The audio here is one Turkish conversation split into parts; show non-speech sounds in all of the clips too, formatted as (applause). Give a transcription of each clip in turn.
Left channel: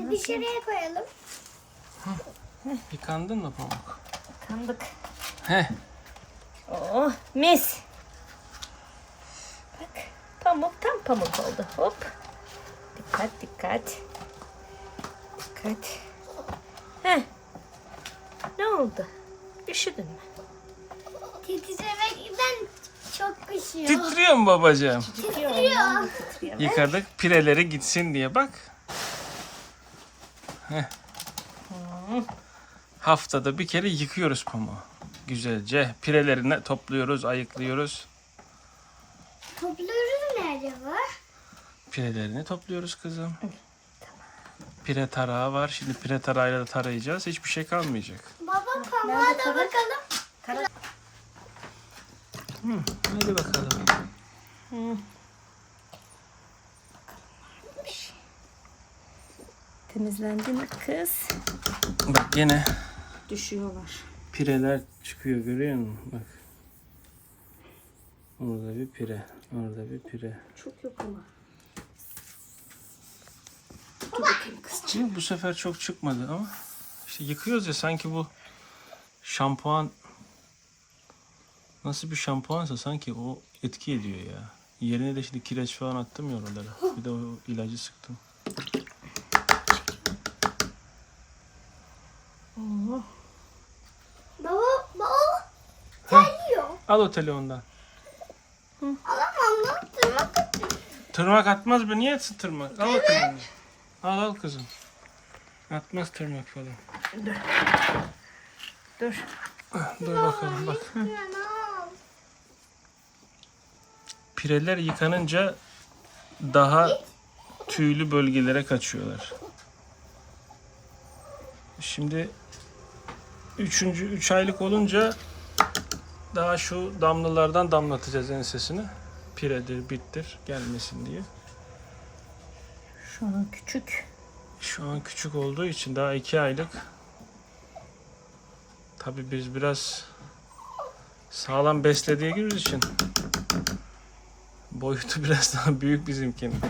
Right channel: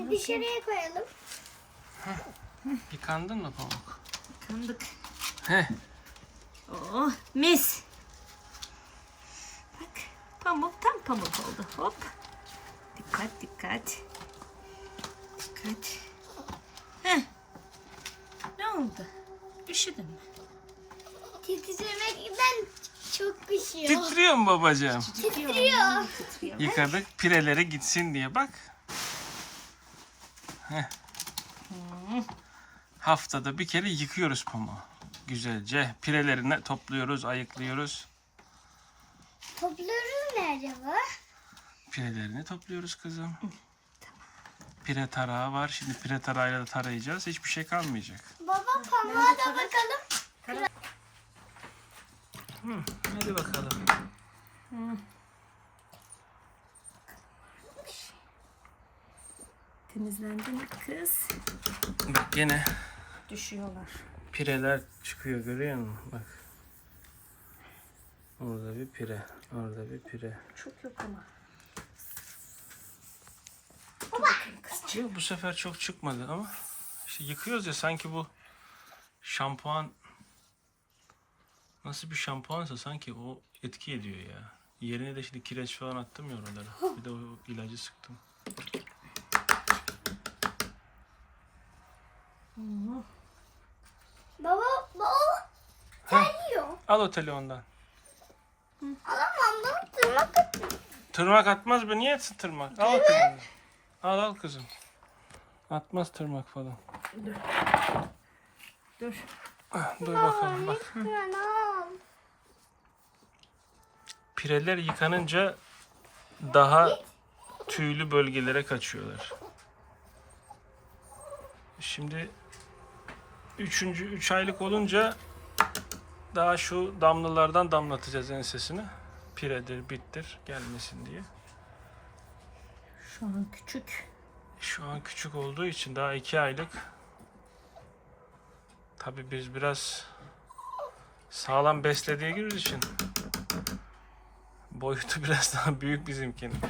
Hadi dışarıya koyalım. Yıkandın mı pamuk? Kandık. Heh. Oh mis. Bak pamuk tam pamuk oldu. Hop. Dikkat dikkat. Dikkat. Heh. Ne oldu? Üşüdün mü? Titremekten çok pişiyor. Titriyor mu babacığım? Titriyor. Yıkadık pireleri gitsin diye bak. Heh. Haftada bir kere yıkıyoruz pamuğu. Güzelce pirelerini topluyoruz, ayıklıyoruz. Topluyoruz ne acaba? Pirelerini topluyoruz kızım. Pire tarağı var. Şimdi pire tarağıyla da tarayacağız. Hiçbir şey kalmayacak. Baba pamuğa da bakalım. Hı, hadi bakalım. Temizlendi mi kız? Bak gene Düşüyorlar. pireler çıkıyor görüyor musun? Bak. Orada bir pire. Orada bir pire. Çok yok ama. Dur bakayım kızcığım. Bu sefer çok çıkmadı ama işte yıkıyoruz ya sanki bu şampuan nasıl bir şampuansa sanki o etki ediyor ya. Yerine de şimdi kireç falan attım ya oralara. Bir de o ilacı sıktım. Oo, Baba, baba Heh, geliyor. Al o telefondan. Alamam lan tırnak atıyor. Tırmak atmaz mı? Niye etsin tırmak? Al o telefondan. Al al kızım. Atmaz tırmak falan. dur. Ah, Dur bakalım bak. Anam. Pireler yıkanınca daha tüylü bölgelere kaçıyorlar. Şimdi üçüncü, üç aylık olunca daha şu damlalardan damlatacağız ensesini. Piredir, bittir gelmesin diye. Şu an küçük. Şu an küçük olduğu için daha iki aylık. Tabii biz biraz sağlam beslediğimiz için boyutu (laughs) biraz daha büyük bizimkinin.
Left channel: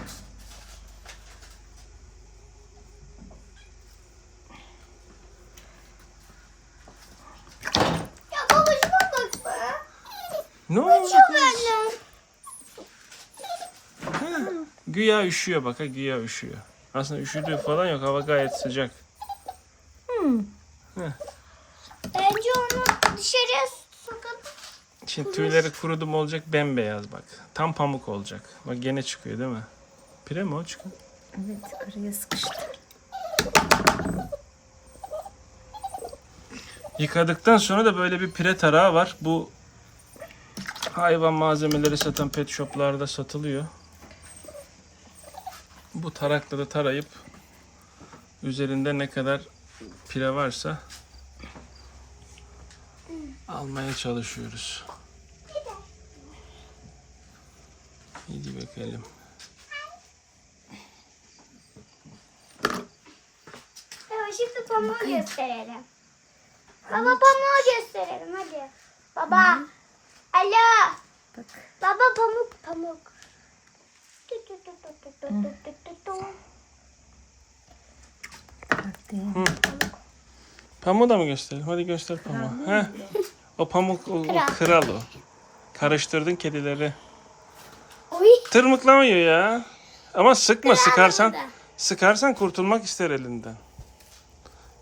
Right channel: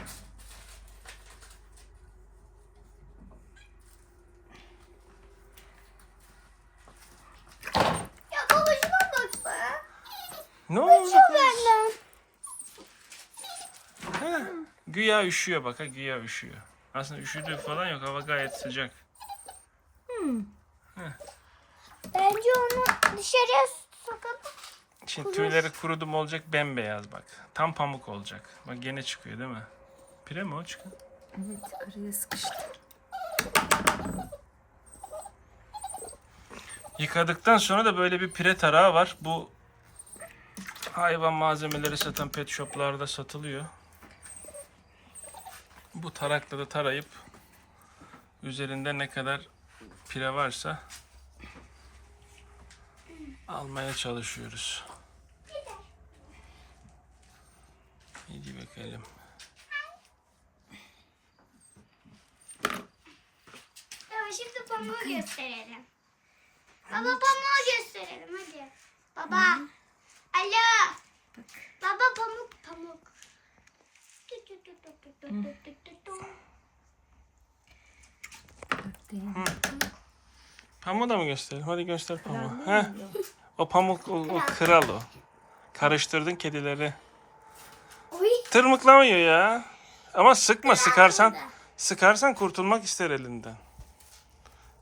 Ya baba şuna baksana. Ne oldu? Benden. Ha, güya üşüyor bak ha güya üşüyor. Aslında üşüdüğü falan yok hava gayet sıcak. Bence onu dışarıya sokalım. Şimdi tüyleri kurudu mu olacak bembeyaz bak. Tam pamuk olacak. Bak gene çıkıyor değil mi? Pire mi o çıkıyor? Evet araya sıkıştı. Yıkadıktan sonra da böyle bir pire tarağı var. Bu hayvan malzemeleri satan pet shoplarda satılıyor. Bu tarakla da tarayıp üzerinde ne kadar pire varsa almaya çalışıyoruz. İyi bakalım. Şimdi pamuğu gösterelim. Baba pamuğu gösterelim hadi. Baba. Alo. Bak. Baba pamuk pamuk. Değil. Pamuğu da mı gösterelim? Hadi göster pamuğu. Heh. O pamuk o, o kral o. Karıştırdın kedileri. Tırmıklamıyor ya. Ama sıkma sıkarsan sıkarsan kurtulmak ister elinden.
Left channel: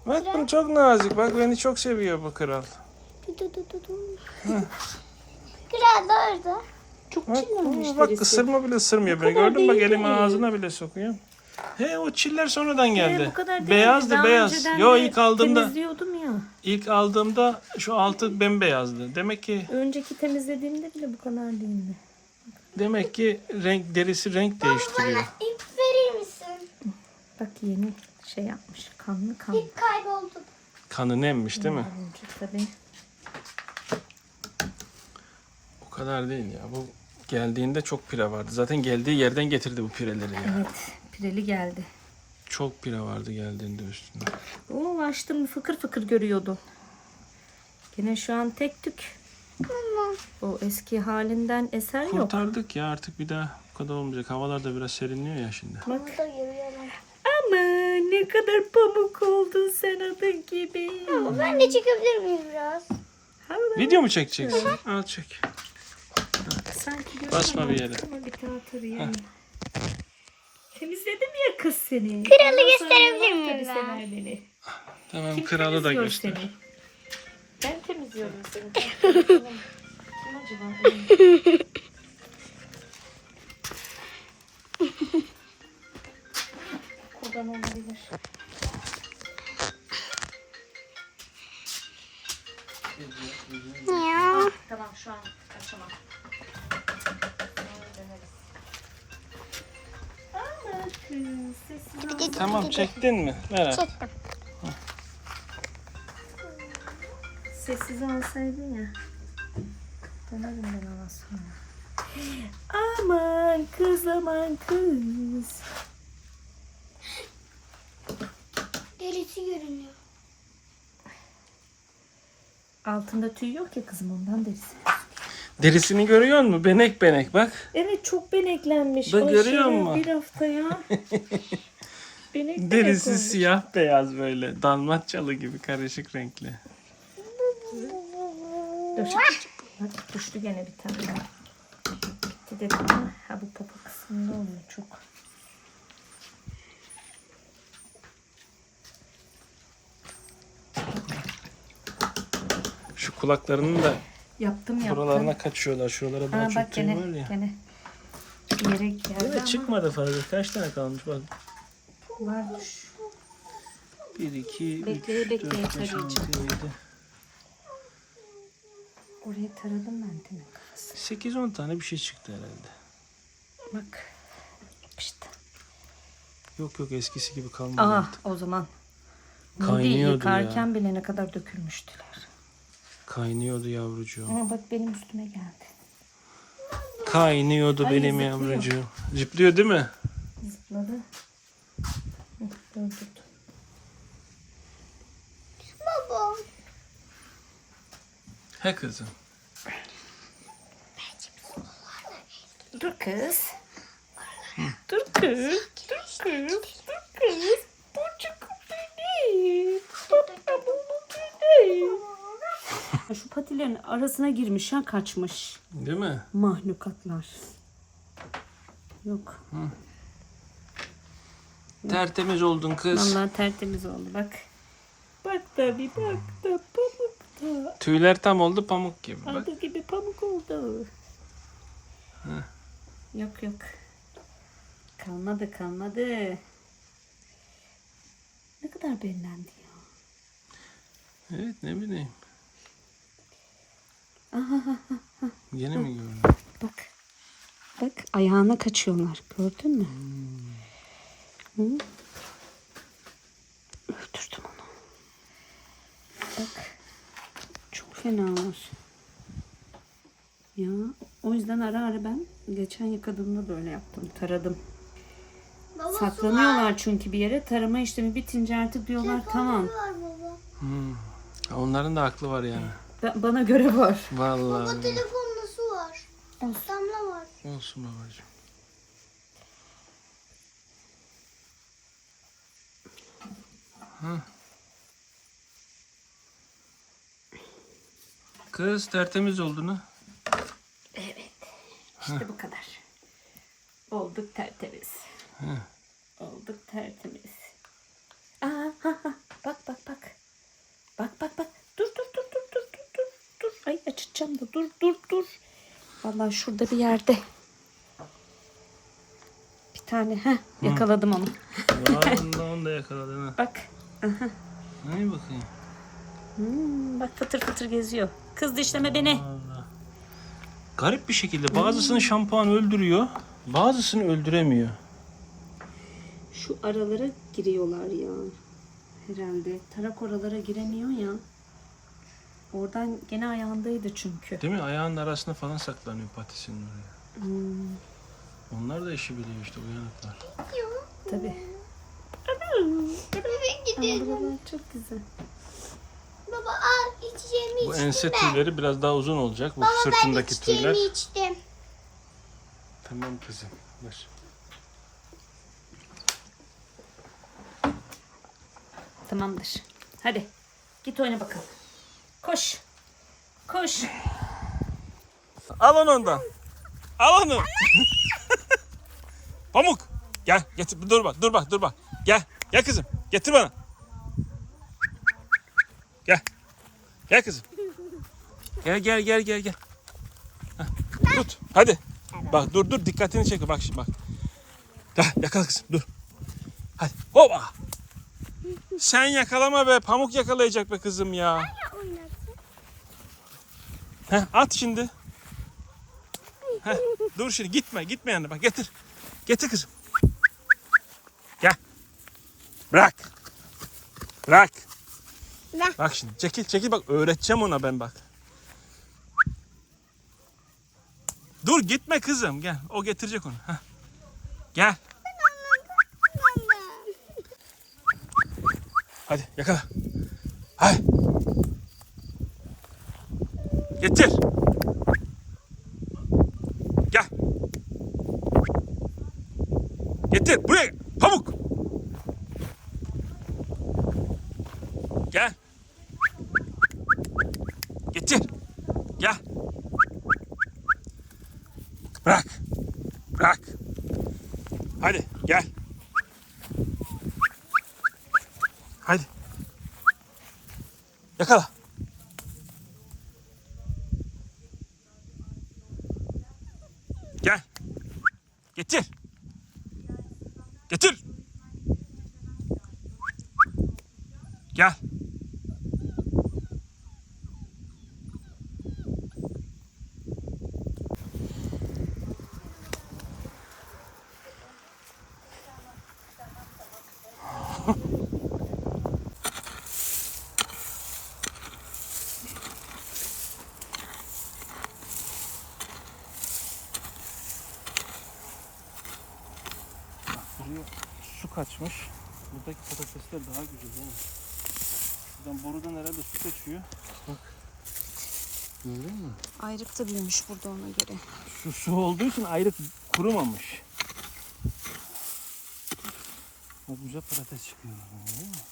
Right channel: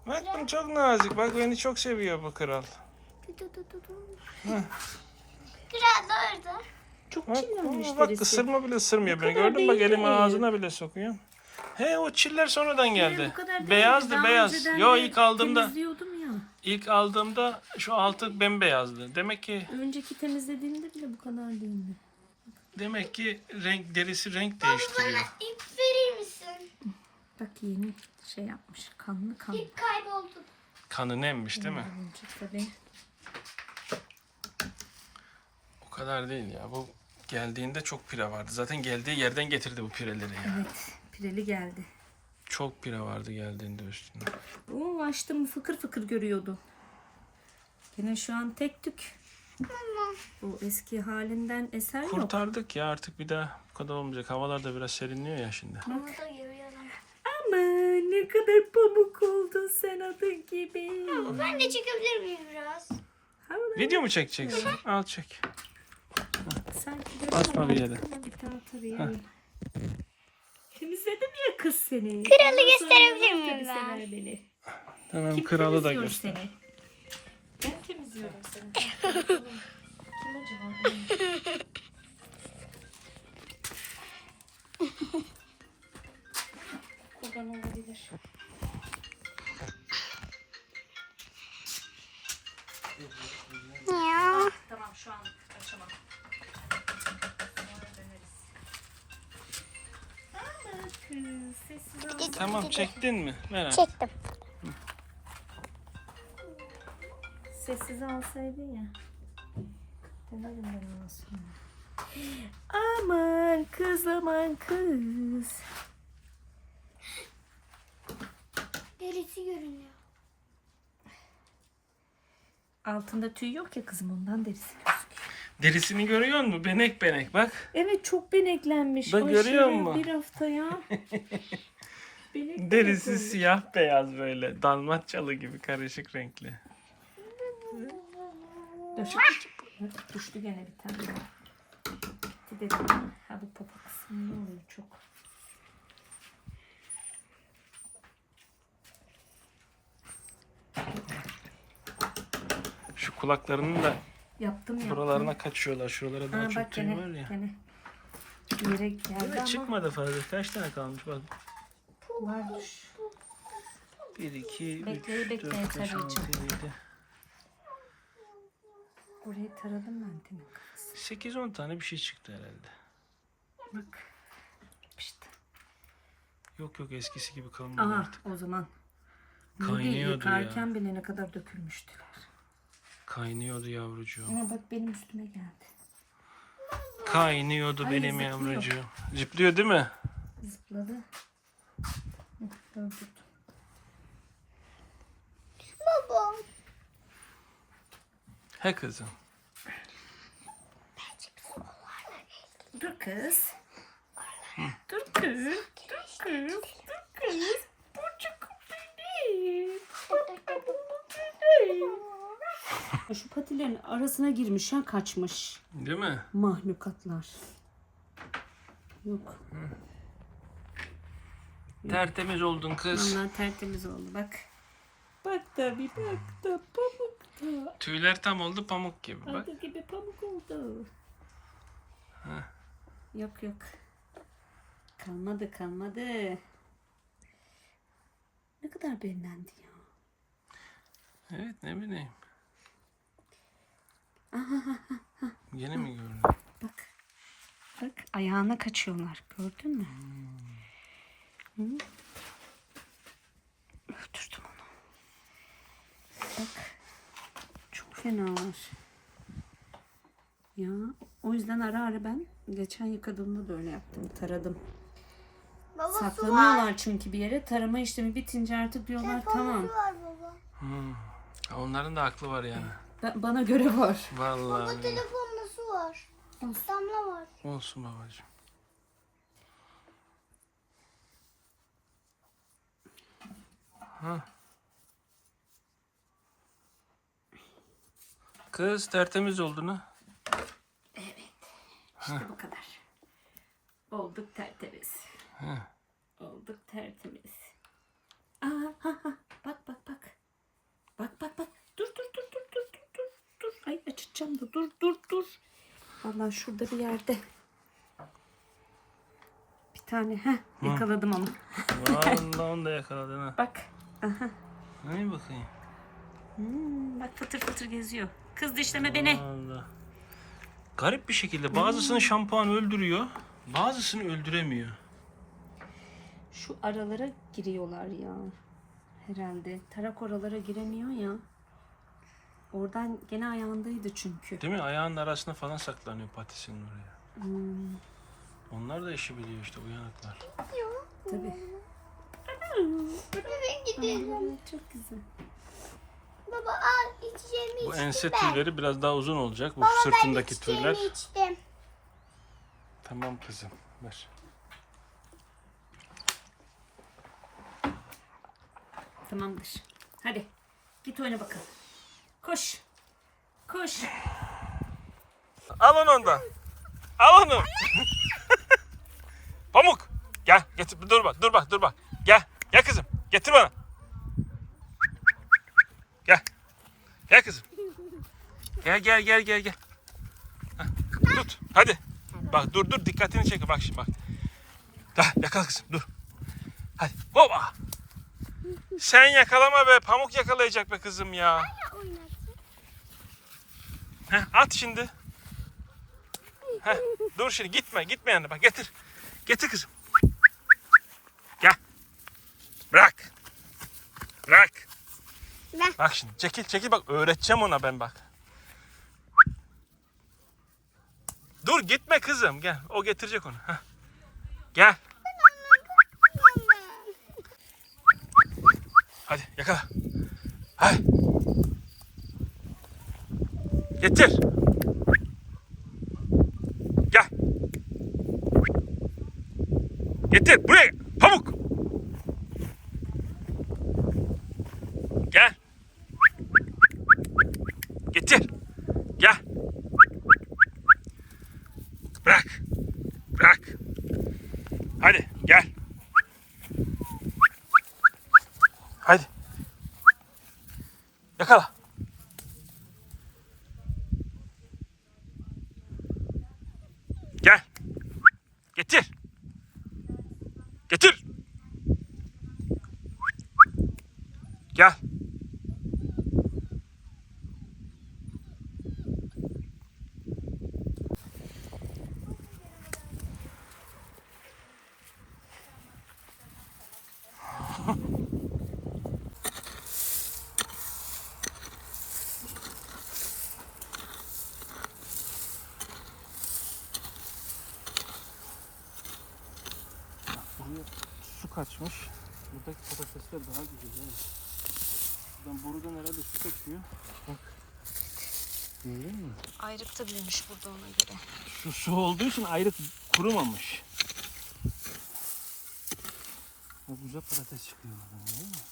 Bak bu çok nazik. Bak beni çok seviyor bu kral. Kral da orada. Çok oo, bak derisi. ısırma bile ısırmıyor beni. kadar Gördün mü? bak değil. elimi ağzına bile sokuyor. He o çiller sonradan geldi. bu kadar değil. Beyazdı Daha beyaz. önceden Yo de ilk aldığımda Temizliyordum ya. ilk aldığımda şu altı bembeyazdı. Demek ki Önceki temizlediğimde bile bu kadar değildi. demek ki renk derisi renk değiştiriyor. İp verir misin? Bak yeni şey yapmış. Kanlı kanlı. İp kayboldu. Kanı nemmiş değil mi? Önce tabii. O kadar değil ya. Bu geldiğinde çok pire vardı. Zaten geldiği yerden getirdi bu pireleri ya. Evet. Pireli geldi. Çok pire vardı geldiğinde üstüne. Oo açtım fıkır fıkır görüyordu. Yine şu an tek tük. Mama. O eski halinden eser yok. Kurtardık ya artık bir daha bu kadar olmayacak. Havalar da biraz serinliyor ya şimdi. Bak. Burada görüyorum. Ama ne ne kadar pamuk oldun sen adın gibi. Ben de çekebilir miyim biraz? Video mu çekeceksin? Al çek. Sanki Basma göremedim. bir yere. Bir daha tarayayım. Temizledim ya kız seni. Kralı Ondan gösterebilir miyim ben? beni. Tamam Kim kralı da temizliyor göster. seni? Ben temizliyorum seni. Kim acaba? Oradan olabilir. Ya. Tamam şu an açamam. Sonra deneriz. Sessiz ol. Tamam çektin mi? Ver artık. Çektim. Sessiz olsaydın ya. Denerim ben ona sonra. Aman kız aman kız. Derisi görünüyor. Altında tüy yok ya kızım ondan derisi. Derisini görüyor musun? Benek benek bak. Evet çok beneklenmiş. Bak, görüyor musun? Bir haftaya. (laughs) benek Derisi benek siyah beyaz böyle. Dalmatçalı gibi karışık renkli. Bak düştü gene bir tane. Gitti dedim ha bu popo kısmında oluyor çok. Şu kulaklarının da Yaptım yaptım. buralarına kaçıyorlar. Şuralara daha Ha çok tüy var ya. gene yere geldi Evet ama çıkmadı fazla. Kaç tane kalmış bak. varmış. 1, 2, 3, Bekleye bekleye 4, 5, 6, tarayacağım. 7. Oraya taradım ben demin kafası. 8-10 tane bir şey çıktı herhalde. Bak. İşte. Yok yok eskisi gibi kalmadı. Aa artık. o zaman. Kaynıyordu yıkarken bile ne kadar dökülmüştüler. Kaynıyordu yavrucuğum. Ama bak benim üstüme geldi. Kaynıyordu Ay, benim zıplıyor. yavrucuğum. Zıplıyor değil mi? Zıpladı. Hı, Döndürdüm. Baba. He kızım. Dur kız. Dur kız. Dur kız. Dur kız. Burcu benim. Baba bu benim. Şu patilerin arasına girmiş ha kaçmış. Değil mi? Mahlukatlar. Yok. Tertemiz oldun kız. Vallahi tertemiz oldu bak. Bak da bir bak da pamuk da. Tüyler tam oldu pamuk gibi. Bak. Adı gibi pamuk oldu. Yok yok. Kalmadı kalmadı. Ne kadar bellendi ya. Evet ne bileyim. Yine mi gördün? Bak. Bak ayağına kaçıyorlar. Gördün mü? Hı? Öldürdüm onu. Bak. Çok fenalar. Ya o yüzden ara ara ben geçen yıkadığımda da öyle yaptım. Taradım. Baba Saklanıyorlar çünkü bir yere. Tarama işlemi bitince artık diyorlar tamam. Hmm. Onların da aklı var yani. Ben- bana göre var. Vallahi. Telefonda su var. Damla var. Olsun babacığım. Ha. Kız tertemiz oldun ha. İşte bu kadar. Olduk tertemiz. Hı. Olduk tertemiz. Aa, ha, ha. Bak bak bak. Bak bak bak. Dur dur dur dur dur dur. dur. Ay açacağım da dur dur dur. Vallahi şurada bir yerde. Bir tane ha yakaladım onu. Vallahi (laughs) onu da yakaladın ha. Bak. Aha. Hay bakayım. Hmm, bak fıtır fıtır geziyor. Kız dişleme beni. Allah. Garip bir şekilde bazısını şampuan öldürüyor, bazısını öldüremiyor. Şu aralara giriyorlar ya. Herhalde. Tarak oralara giremiyor ya. Oradan gene ayağındaydı çünkü. Değil mi? Ayağının arasına falan saklanıyor patisinin oraya. Hmm, Onlar da işi biliyor işte uyanıklar. tabii. Ama gidelim. buralar çok güzel. Baba al içeceğimi Bu içtim ense ben. tüyleri biraz daha uzun olacak. Bu Baba ben sırtındaki içeceğimi tüyler. içtim. Tamam kızım. Ver. Tamamdır. Hadi git oyna bakalım. Koş. Koş. Al onu ondan. Al onu. Pamuk. Gel getir. Dur bak dur bak dur bak. Gel. Gel kızım. Getir bana. Gel. Gel kızım. Gel gel gel gel gel. Heh, Tut. Hadi. Bak dur dur dikkatini çek. Bak şimdi bak. Gel yakala kızım dur. Hadi. Hoppa. Sen yakalama be. Pamuk yakalayacak be kızım ya. Heh, at şimdi. Heh, dur şimdi gitme gitme yanına bak getir. Getir kızım. Gel. Bırak. Bırak. Ver. Bak şimdi çekil çekil bak öğreteceğim ona ben bak. Dur gitme kızım gel o getirecek onu. Heh. Gel. Hadi yakala. Hadi. Getir. Gel. Getir buraya. Pamuk. Gel. Getir. Gel. Bırak. Bırak. Hadi gel. Hadi. Yakala. Gel. Getir. Getir. Gel. Buraya su kaçmış. Buradaki patatesler daha güzel. ha. Şuradan borudan herhalde su kaçıyor. Bak. Gördün mü? Ayrıkta büyümüş burada ona göre. Şu su olduğu için ayrı kurumamış. Bak güzel patates çıkıyor. Oradan görüyor musun?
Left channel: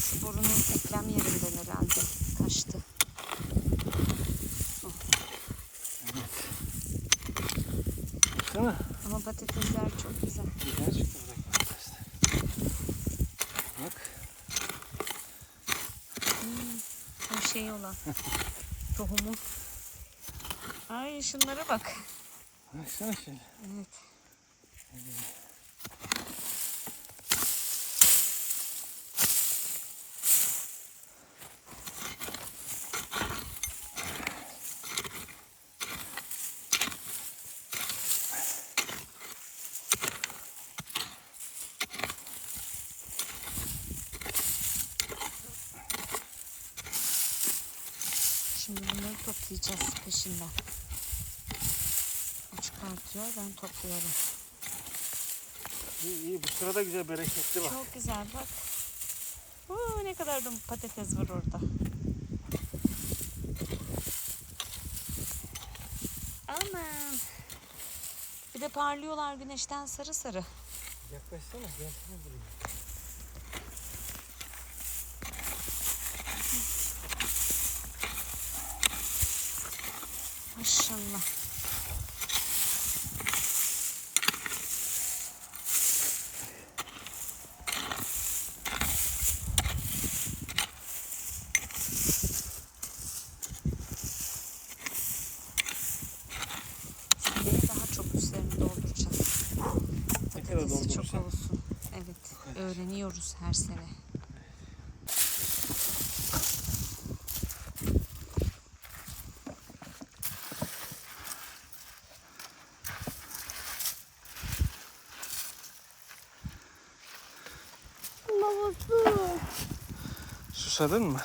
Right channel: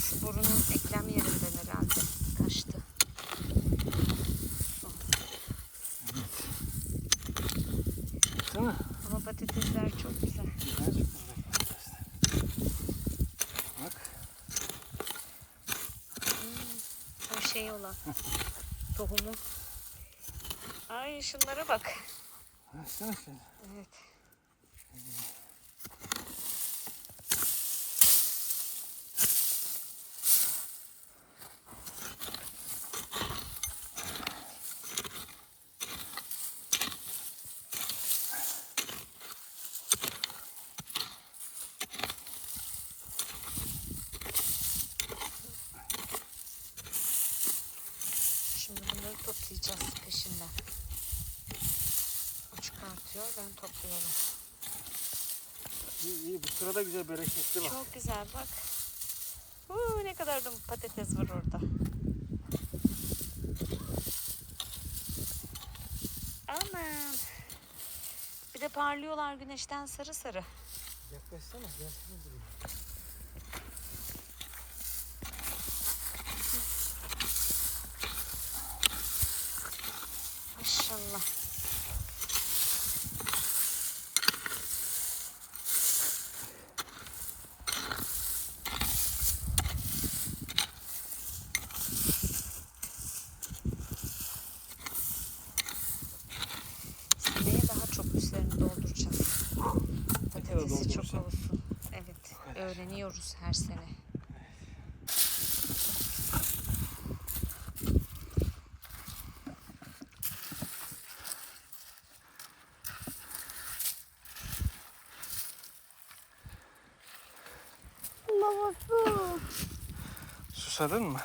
Şu borunun eklem yerinden herhalde taştı. Baksana. Ama patatesler çok güzel. Güzel çıktı burada patatesler. Bak. O şey olan. Tohumu. Ay şunlara bak. Baksana şimdi. Evet. Şimdi bunları toplayacağız peşinden. O çıkartıyor ben topluyorum. İyi iyi bu sırada güzel bereketli bak. Çok güzel bak. Uuu, ne kadar da patates var orada. Aman. Bir de parlıyorlar güneşten sarı sarı. Yaklaşsana gelsene buraya. Maşallah. Seneye daha çok üstlerini dolduracağız. Patatesi çok doldurursan? olsun. Evet, öğreniyoruz her sene. Susadın mı?